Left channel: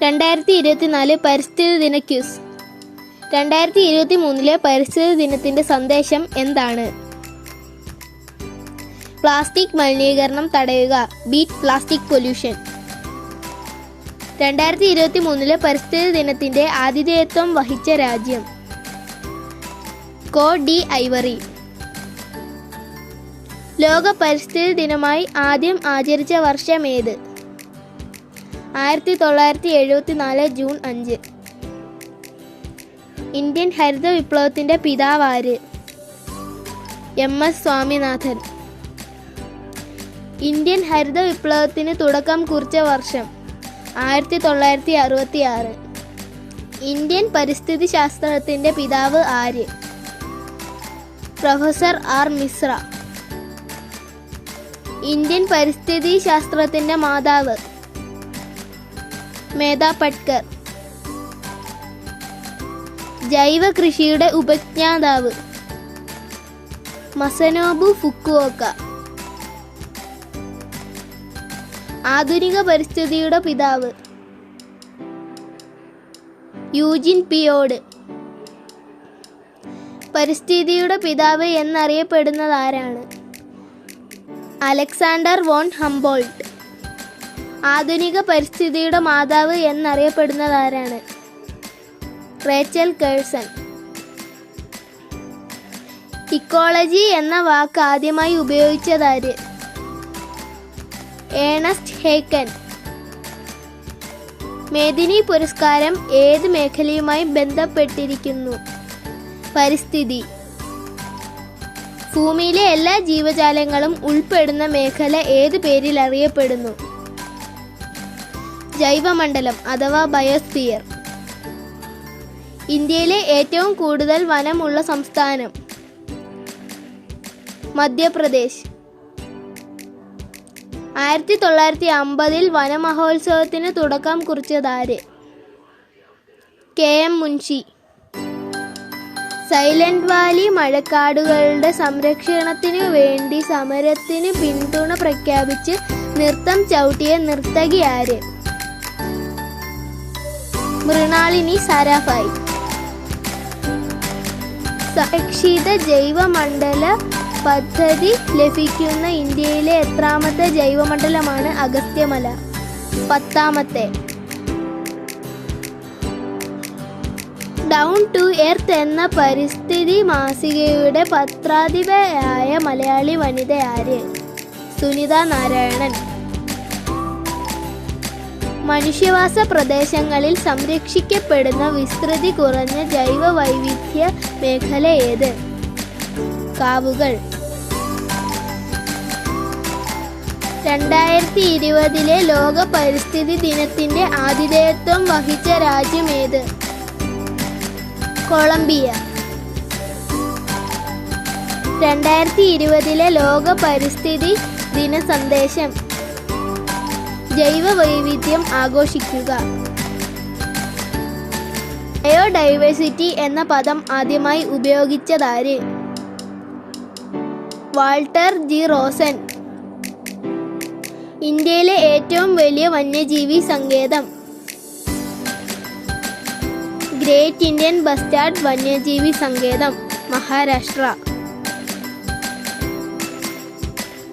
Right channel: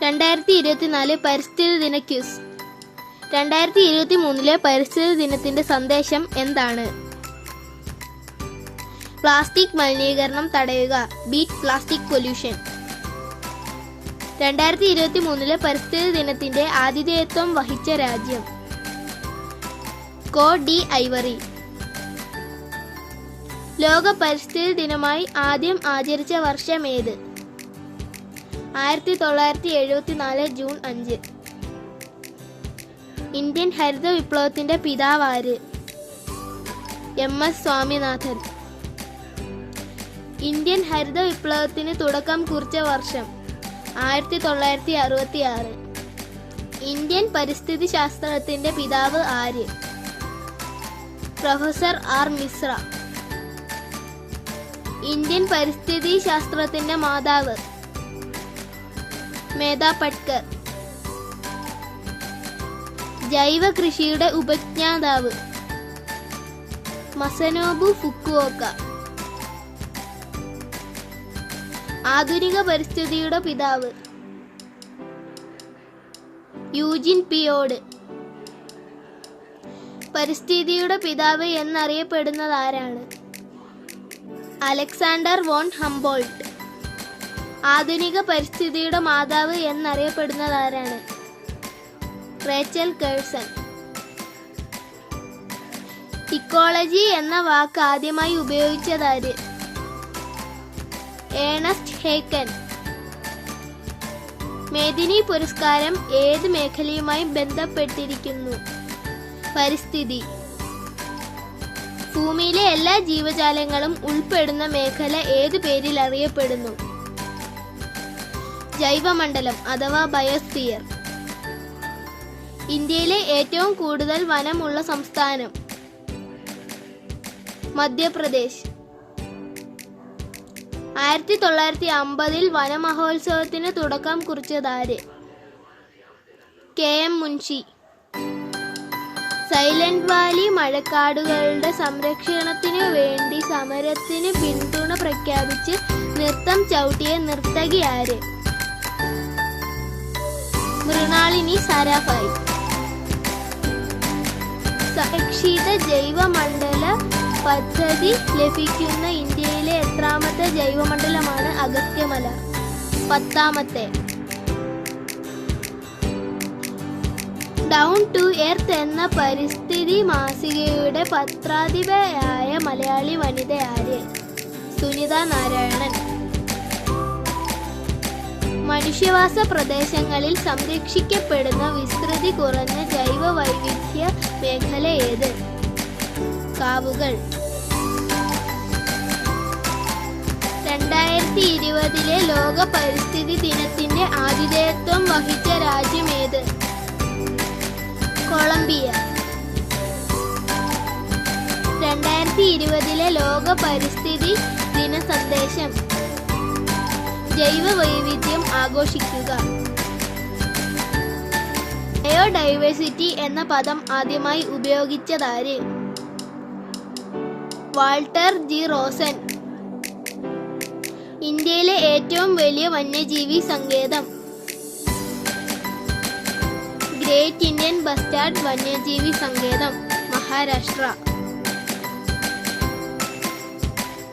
2024 പരിസ്ഥിതി ദിന ക്വിസ്. 2023 പരിസ്ഥിതി ദിനത്തിന്റെ സന്ദേശം എന്താണ്? പ്ലാസ്റ്റിക് മലിനീകരണം തടയുക, ബീറ്റ് പ്ലാസ്റ്റിക് പൊല്യൂഷൻ. 2023 പരിസ്ഥിതി ദിനത്തിന്റെ ആതിഥേയത്വം വഹിച്ച രാജ്യം കോട്ട് ഡി ഐവറി. ലോക പരിസ്ഥിതി ദിനമായി ആദ്യം ആചരിച്ച വർഷം ഏത്? 1974 ജൂൺ 5. ഇന്ത്യൻ ഹരിത വിപ്ലവത്തിന്റെ പിതാവ് ആര്? MS സ്വാമിനാഥൻ. ഇന്ത്യൻ ഹരിത വിപ്ലവത്തിന് തുടക്കം കുറിച്ച വർഷം 1966. ഇന്ത്യൻ പരിസ്ഥിതി ശാസ്ത്രത്തിന്റെ പിതാവ് ആര്? Professor R Mishra. ഇന്ത്യൻ പരിസ്ഥിതി ശാസ്ത്രത്തിന്റെ മാതാവ് മേധാ പട്കർ. ജൈവ കൃഷിയുടെ ഉപജ്ഞാതാവ് മസനോബു ഫുക്കുവോക്ക. ആധുനിക പരിസ്ഥിതിയുടെ പിതാവ് യൂജിൻ പിയോഡ്. പരിസ്ഥിതിയുടെ പിതാവ് എന്നറിയപ്പെടുന്നത് ആരാണ്? Alexander von Humboldt. ആധുനിക പരിസ്ഥിതിയുടെ മാതാവ് എന്നറിയപ്പെടുന്നത് ആരാണ്? Rachel Carson. ഇക്കോളജി എന്ന വാക്ക് ആദ്യമായി ഉപയോഗിച്ചതാര്? ഏണസ്റ്റ് ഹേക്കൻ. മേദിനി പുരസ്കാരം ഏത് മേഖലയുമായി ബന്ധപ്പെട്ടിരിക്കുന്നു? പരിസ്ഥിതി. ഭൂമിയിലെ എല്ലാ ജീവജാലങ്ങളും ഉൾപ്പെടുന്ന മേഖല ഏത് പേരിൽ അറിയപ്പെടുന്നു? ജൈവമണ്ഡലം അഥവാ ബയോസ്ഫിയർ. ഇന്ത്യയിലെ ഏറ്റവും കൂടുതൽ വനമുള്ള സംസ്ഥാനം? മധ്യപ്രദേശ്. 1950 വനമഹോത്സവത്തിന് തുടക്കം കുറിച്ചതാര്? KM മുൻഷി. സൈലന്റ് വാലി മഴക്കാടുകളുടെ സംരക്ഷണത്തിനു വേണ്ടി സമരത്തിന് പിന്തുണ പ്രഖ്യാപിച്ച് നൃത്തം ചവിട്ടിയ നർത്തകി ആര്? മൃണാളിനി സാരാഭായ്. സംരക്ഷിത ജൈവമണ്ഡല പദ്ധതി ലഭിക്കുന്ന ഇന്ത്യയിലെ എത്രാമത്തെ ജൈവമണ്ഡലമാണ് അഗസ്ത്യമല? 10ാമത്തെ. ഡൗൺ ടു എർത്ത് എന്ന പരിസ്ഥിതി മാസികയുടെ പത്രാധിപയായ മലയാളി വനിത ആര്? സുനിത നാരായണൻ. മനുഷ്യവാസ പ്രദേശങ്ങളിൽ സംരക്ഷിക്കപ്പെടുന്ന വിസ്തൃതി കുറഞ്ഞ ജൈവ വൈവിധ്യ മേഖല ഏത്? കാവുകൾ. 2020 ലോക പരിസ്ഥിതി ദിനത്തിന്റെ ആതിഥേയത്വം വഹിച്ച രാജ്യം ഏത്? കൊളംബിയ. 2020 ലോക പരിസ്ഥിതി ദിന സന്ദേശം ജൈവ വൈവിധ്യം ആഘോഷിക്കുക. ബയോഡൈവേഴ്സിറ്റി എന്ന പദം ആദ്യമായി ഉപയോഗിച്ചതാര്? Walter G Rosan. ഇന്ത്യയിലെ ഏറ്റവും വലിയ വന്യജീവി സങ്കേതം? ഗ്രേറ്റ് ഇന്ത്യൻ ബസ്റ്റാർഡ് വന്യജീവി സങ്കേതം, മഹാരാഷ്ട്ര.